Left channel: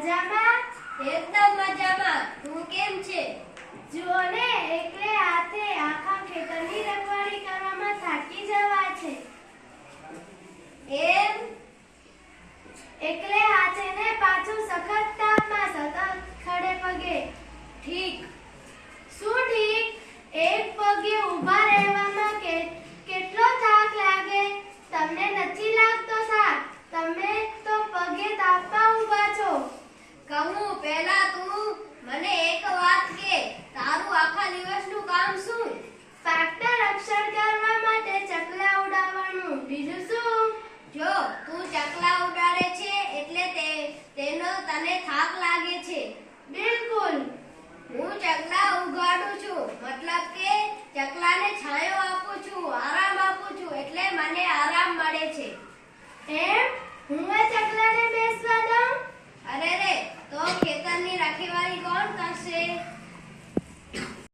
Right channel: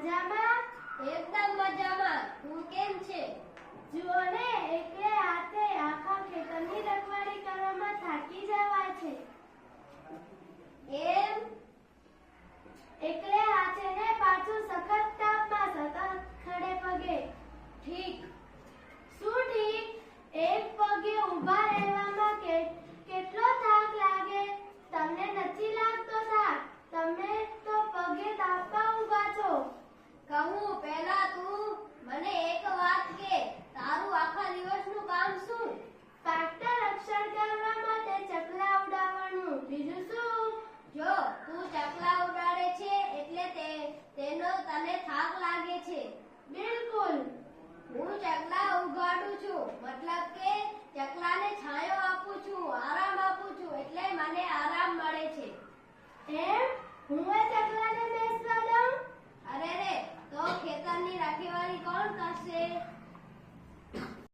મજામાં? એકદમ મજામાં. તું કેમ છે? જુઓ ને, એકલે હાથે આખા ખેતરની રખવાડી કરવામાં થાકી જવા છે. એમ? એકલે હાથે ને પાછું સખત બીજું શું? જો, તું ચકલા ઉડાડે છે એટલે તે, તેનો તને થાક લાગે છે. બિલકુલ. હું ચકલા ઉગાડું છું, મતલબ કે ચકલાને છાંયો આપું છું, આરામ આપું છું, એટલે મને આરામ મળે છે. એમ?